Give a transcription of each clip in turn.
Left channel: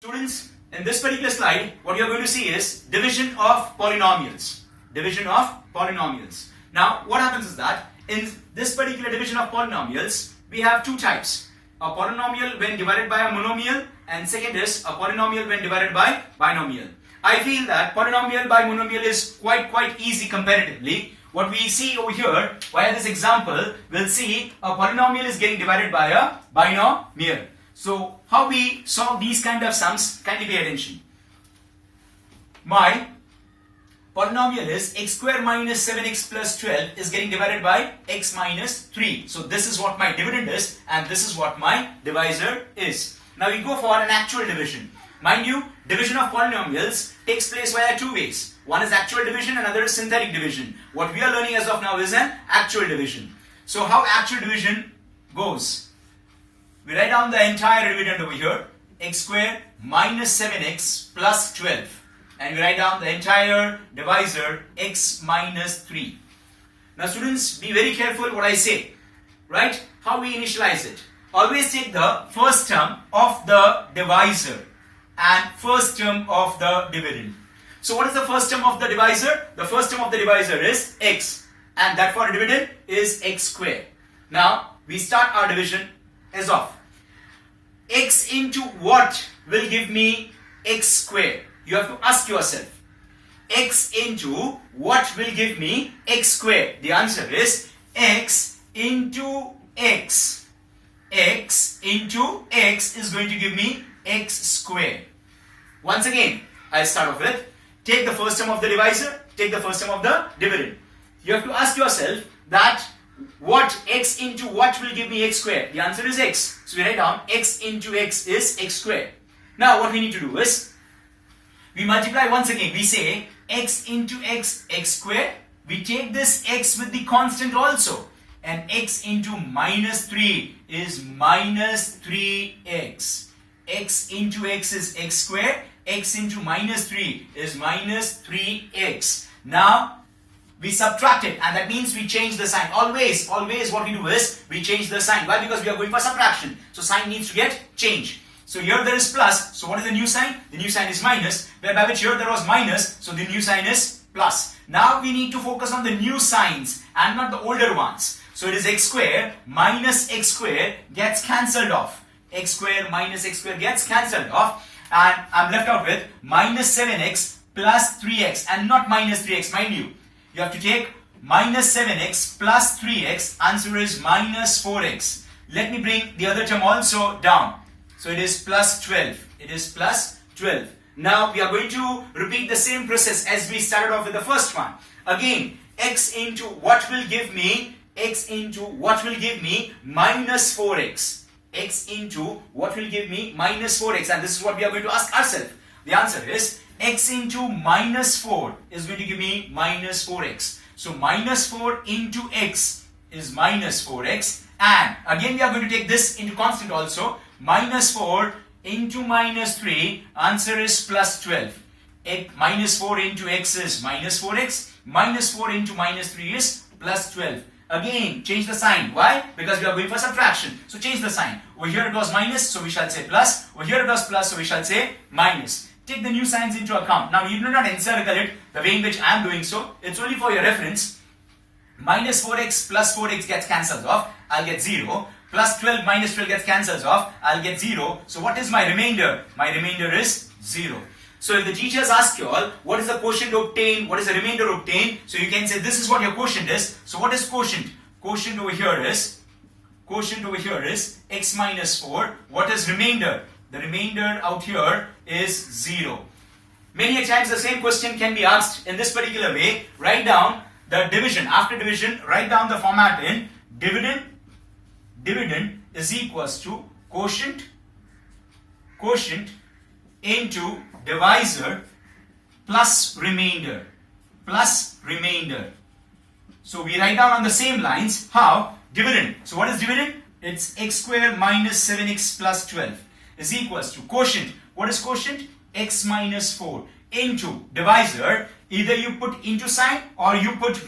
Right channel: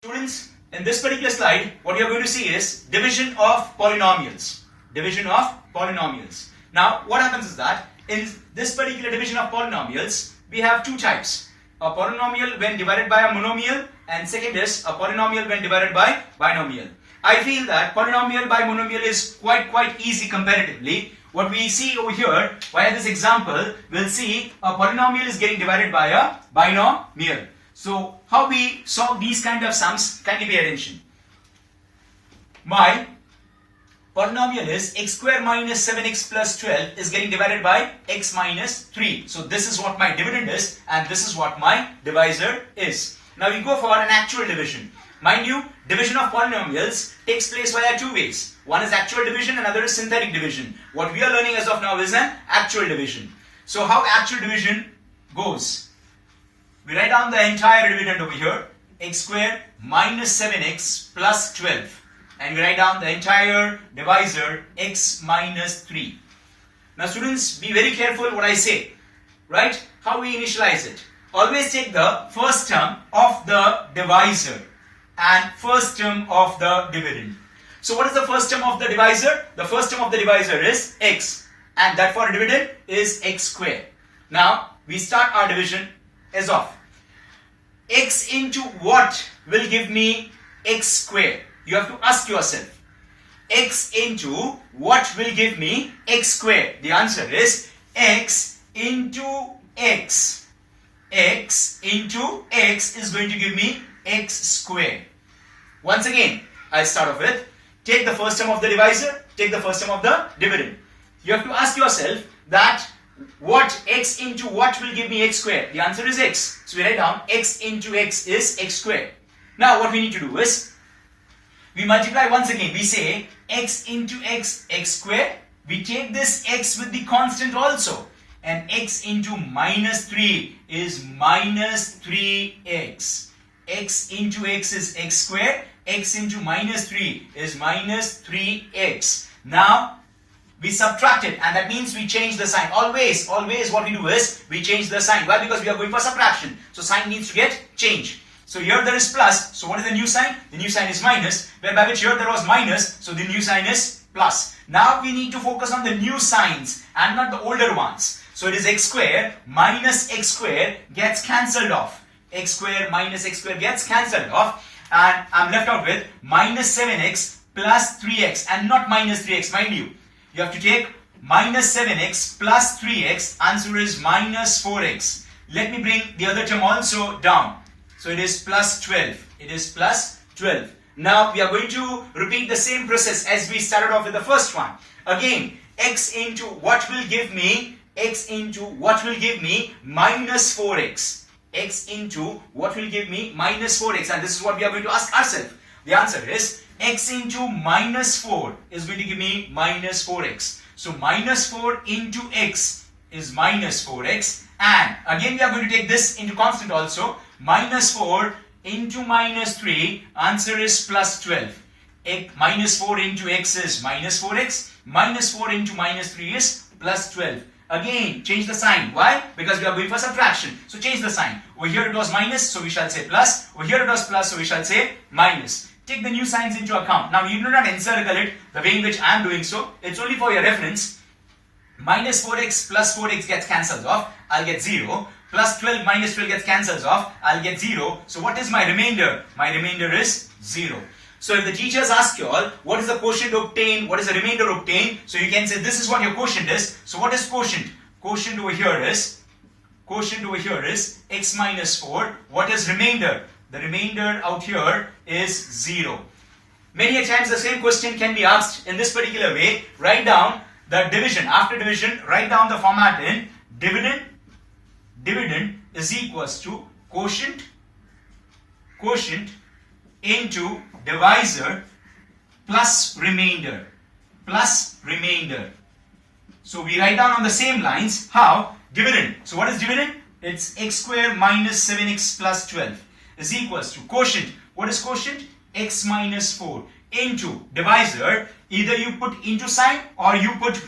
Students, in this particular slide, what you are going to see is division of polynomials. Division of polynomials. Now, what happens is that in this particular division of polynomials, we have two types. A polynomial when divided by a monomial, and second is a polynomial when divided by binomial. I feel that polynomial by monomial is quite easy comparatively. What we see over here, via this example, we'll see a polynomial is getting divided by a binomial. So, how we solve these kind of sums, kindly pay attention. My polynomial is x square minus 7x plus 12 is getting divided by x minus 3. So, this is what my dividend is and this is what my divisor is. Now, we go for an actual division. Mind you, division of polynomials takes place via two ways. One is actual division, another is synthetic division. What we are learning as of now is an actual division. So, how actual division goes? We write down the entire dividend over here, x square minus 7x plus 12. And we write down the entire divisor, x minus 3. Now students, be very careful what I say. Right? How we initialize it. Always take the first term of the divisor and first term of the dividend. So what is the first term of the divisor? The first term of the divisor is x. And that for dividend is x square. Now, we start our division as of x into what will give me x square? You have to ask yourself, x into what will give me x square? The answer is x into x. X into x is going to give me x square. Once again, I'll start off with, take the first term of the divisor, take the first term of the dividend. You have to ask yourself that what x into what will give me x square? The answer is x. So we write down x into x is x square. Now what we need to do is, we multiply once again. We say x into x, x square. We take this x with the constant also. And x into minus 3 is minus 3x. X into x is x square. X into minus 3 is minus 3x. Now, we subtract it and that means we change the sign. Always what we do is we change the sign. Why? Because we are going for subtraction. So sign needs to get changed. So here there is plus. So what is the new sign? The new sign is minus. Whereby which here there was minus. So the new sign is plus. Now we need to focus on the new signs and not the older ones. So it is x square minus x square gets cancelled off. X square minus x square gets cancelled off. And I'm left out with minus 7x plus 3x and not minus 3x, mind you. You have to take minus 7x plus 3x, answer is minus 4x. Let me bring the other term also down. So it is plus 12. It is plus 12. Now we are going to repeat the same process as we started off with the first one. Again, x into what will give me, x into what will give me minus 4x. X into what will give me minus 4x. And this is what we are going to ask ourselves. The answer is x into minus 4 is going to give me minus 4x. So minus 4 into x is minus 4x. And again we are going to take this into constant also. Minus 4 into minus 3, answer is plus 12. Minus 4 into x is minus 4x. Minus 4 into minus 3 is plus 12. Again, change the sign. Why? Because we are going for subtraction. So change the sign. Over here it was minus, so we shall say plus. Over here it was plus, so we shall say minus. Take the new signs into account. Now, you do not encircle it the way in which I am doing so. It's only for your reference. Minus 4x plus 4x gets cancelled off. I'll get 0. Plus 12 minus 12 gets cancelled off. I'll get 0. So what is my remainder? My remainder is 0. So if the teachers ask you all, what is the quotient obtained? What is the remainder obtained? So you can say this is what your quotient is. So what is quotient? Quotient over here is x minus 4. What is remainder? The remainder out here is 0. Many a times the same question can be asked in this particular way. Write down the division. After division, write down the format in dividend. Dividend is equals to quotient into divisor plus remainder. So we write down on the same lines. How? Dividend. So what is dividend? It's x square minus 7x plus 12 is equals to quotient. What is quotient? X minus 4 into divisor. Either you put into sign or you put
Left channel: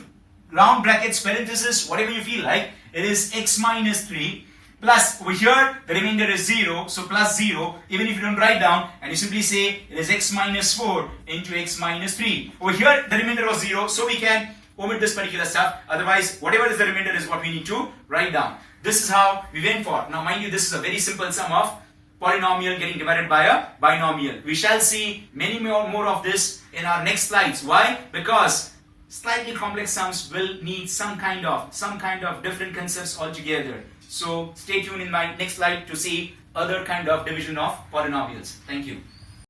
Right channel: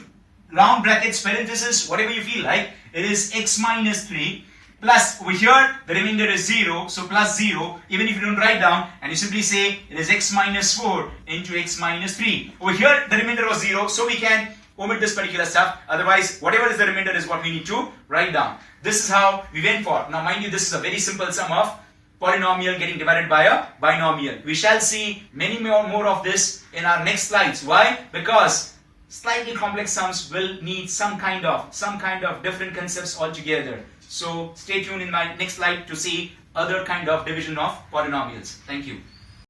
round brackets, parenthesis, whatever you feel like. It is x minus 3 plus over here the remainder is 0, so plus 0, even if you don't write down, and you simply say it is x minus 4 into x minus 3. Over here the remainder was 0, so we can omit this particular stuff. Otherwise, whatever is the remainder is what we need to write down. This is how we went for. Now mind you, this is a very simple sum of polynomial getting divided by a binomial. We shall see many more of this in our next slides. Why? Because slightly complex sums will need some kind of different concepts altogether. So stay tuned in my next slide to see other kind of division of polynomials. Thank you.